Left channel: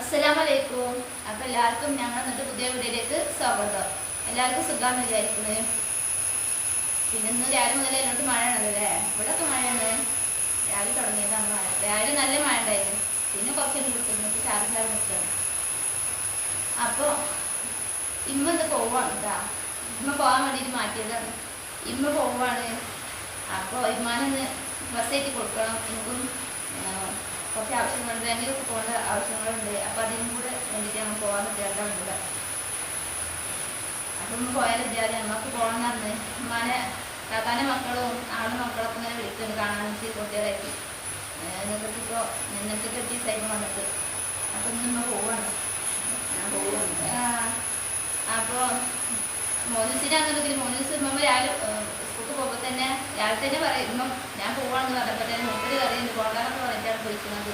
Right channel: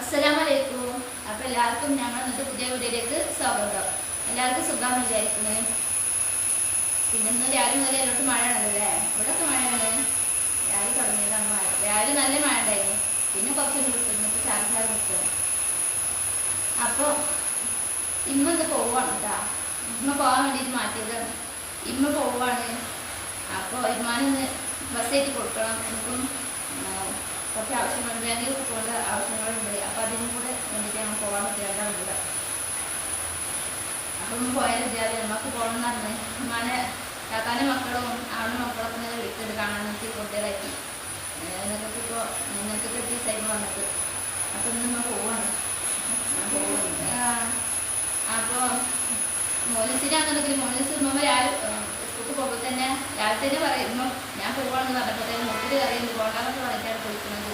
അസ്സലാമലൈക്കും. അപ്പൊ എല്ലാവർക്കും ഞങ്ങൾ ഇന്നത്തെ പുതിയ വീഡിയോയിലേക്ക് സ്വാഗതം. എല്ലാവർക്കും സുഖാന്ന് വിചാരിക്കുന്നത്. പിന്നെ ഇന്ന് രാവിലെ മുതൽ എല്ലാവർക്കും മഴയാണല്ലേ? ഇവിടെയൊക്കെ മഴയാണ്. രാവിലെ തുടങ്ങിയതാണ് മഴ. രാവിലെ നല്ല മഴ ഉണ്ടായിരുന്നു. പിന്നെ കുറച്ചൊന്നും കിട്ടുന്നു, ചാറി നിൽക്കണം. അപ്പൊ ഇന്ന് പോവാണ് കേട്ടാ. ഇമ്മ പോകാൻ വേണ്ടിയിട്ട് മാറ്റിയതാണ്. ഇമ്മ പോവാണ്. അപ്പോൾ ഇമ്മാനൊന്ന് ബസ്സേറ്റ് കൊടുക്കണം. എനിക്കും കുറച്ച് ആവശ്യങ്ങളുണ്ട്, ബാങ്കിലൊക്കെ പോകേണ്ട ആവശ്യങ്ങളുണ്ട്. അപ്പം അതിനും കൂടെ വേണ്ടിയിട്ട് ഞങ്ങൾ പോകാൻ പറ്റില്ല. അപ്പം പോയാൽ വിദ്യാലയം നമുക്ക് പോകണം എന്ന് പറഞ്ഞ് ഉമ്മാനെ കാക്കാൻ്റെ മക്കളും ആളും മക്കളൊക്കെ ഇങ്ങനെ വിളിക്കുന്നുണ്ട് കാണാൻ വേണ്ടി കുട്ടികളാക്കി. നിങ്ങൾക്ക് എത്തിയ സൈബ് വന്നിട്ട് അപ്പം ഇന്ന് പോവാണ്. അപ്പോൾ മോനിസിനാണെന്നുണ്ടെങ്കിൽ മോനിസ് ഉമ്മ രാവിലെ സ്കൂൾക്ക് പോകുമ്പോൾ തന്നെ രാവിലെ തന്നെ പറയും, ഉമ്മ ഞാൻ പോവാണെന്ന് പറഞ്ഞപ്പോൾ തന്നെ മൂപ്പര് അറിയുന്നത് പോകാനൊക്കെ പറഞ്ഞിട്ടാണ് പോയിരിക്കുന്നത്.